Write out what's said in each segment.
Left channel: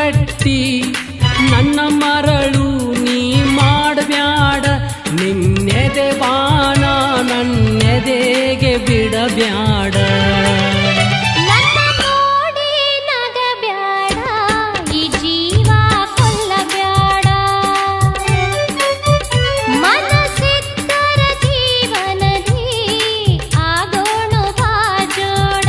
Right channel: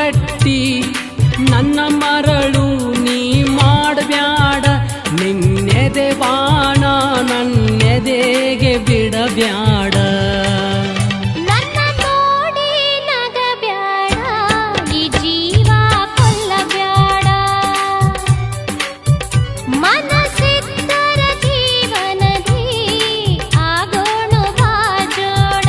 ಕಟ್ಟಿ ನನ್ನ ಮರಳು ನೀ ಮಾಡಬ್ಯಾಡ, ನಿನ್ನೆದೆ ಬಾಣ ನನ್ನೆದೆಗೆ ಬಿಡಬ್ಯಾಡ. ನನ್ನ ನೋಡಿ ನಗಬ್ಯಾಡ, ಈ ಜೀವ ಕೊಲ್ಲಬ್ಯಾಡ. ಮನಸ್ಸಿದ್ದರ ಜೀವನದಿ ಆಗೋಣ ಬಾಜೋಡ.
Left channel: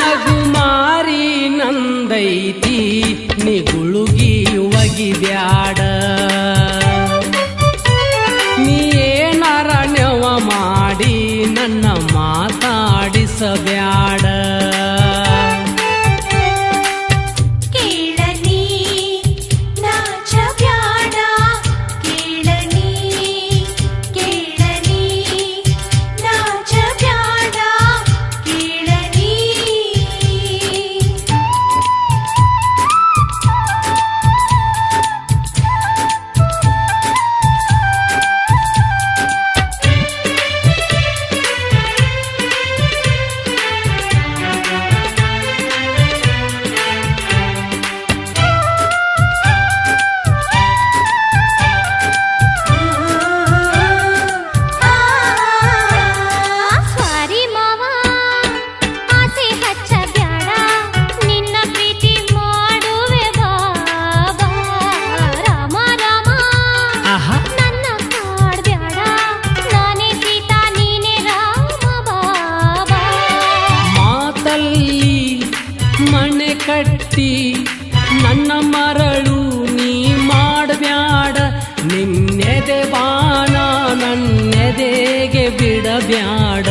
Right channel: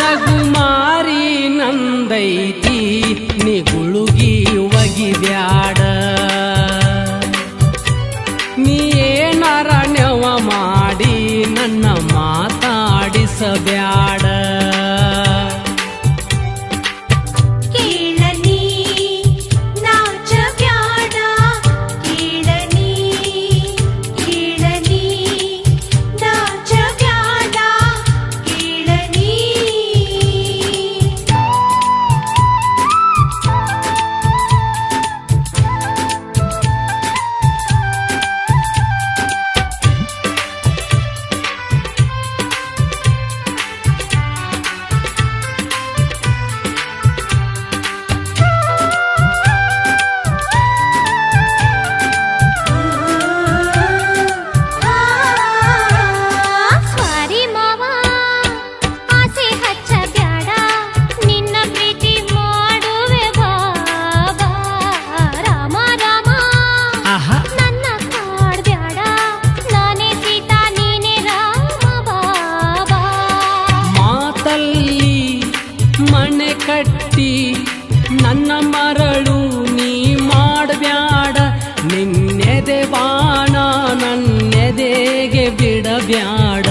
ನಗುಮಾರಿ ನಂದೈತಿ ನಿಗುಳುಗಿ ಒಗಿಬ್ಯಾಡ, ನೀ ಏನಾರ ನೆವ ಮಾಡಿ ನನ್ನ ಮಾತಾಡಿಸಬ್ಯಾಡ. ಮನೆ ಕಟ್ಟಿ ನನ್ನ ಮರಳು ನೀ ಮಾಡಬ್ಯಾಡ, ನಿನ್ನೆದೆ ಬಾಣ ನನ್ನೆದೆಗೆ ಬಿಡಬ್ಯಾಡ.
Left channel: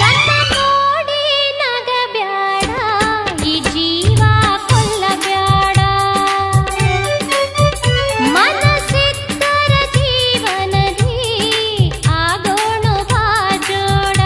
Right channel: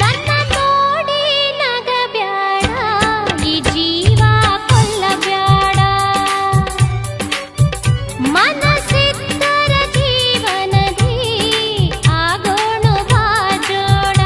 ನನ್ನ ನೋಡಿ ನಗಬ್ಯಾಡ, ಈ ಜೀವ ಕೊಲ್ಲಬ್ಯಾಡ. ಮನಸ್ಸಿದ್ದರ ಜೀವನದಿ ಆಗೋಣ ಬಾಜೋಡ.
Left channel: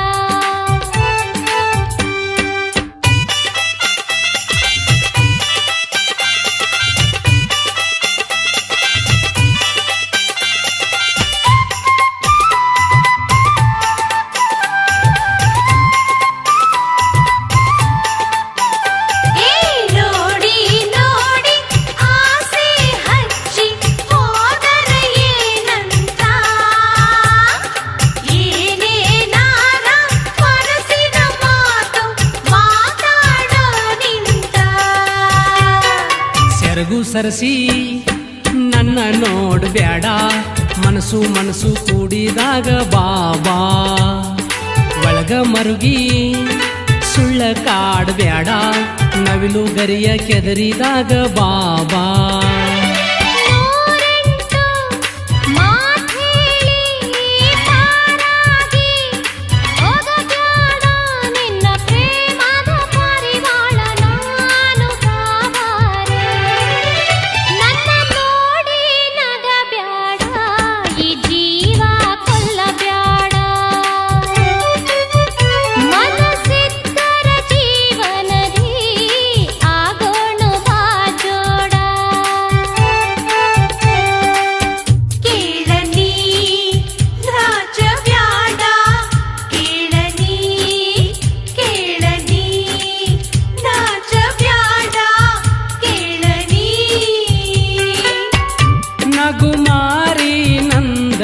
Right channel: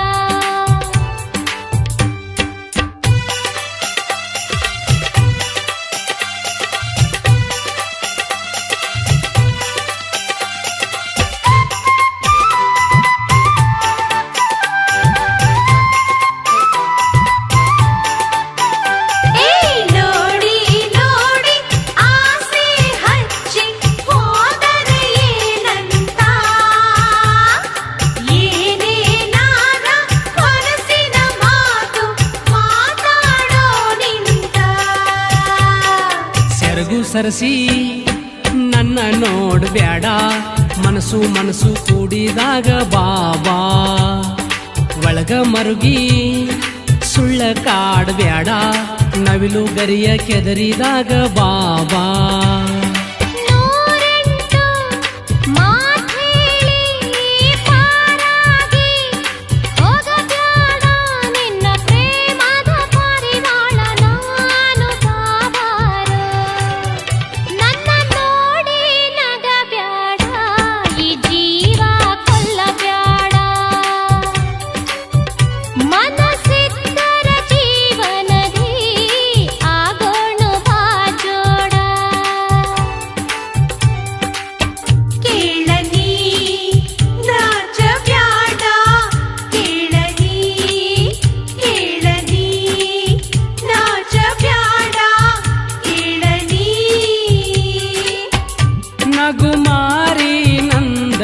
ಸೆರಗು ಸರಸಿ ನನ್ನ ನೋಡ್ಬ್ಯಾಡ, ಮನಸ್ಸು ಮನಸ್ಸು ಕೂಡಿದಾಗ ಬಾಬಾ ಒಳಗ ಮರುಗಿ ಸುಳ್ಳ ಕಾಡ್ಬ್ಯಾಡ, ನವಿಲು ಗರಿಯ ಕೆದರಿದಾಗ ಬಾಬಾ. ನೂರೆಂಟು ಮಾತ್ ಹೇಳಿ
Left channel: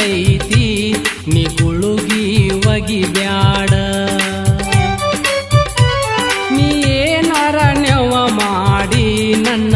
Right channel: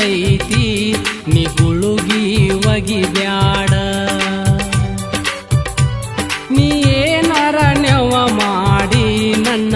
ಬಂದೈತಿ ನೀ ಗುಳುಗಿ ಒಗಿಬ್ಯಾಡ ನೀ ಏನಾರ ನೆವ ಮಾಡಿ ನನ್ನ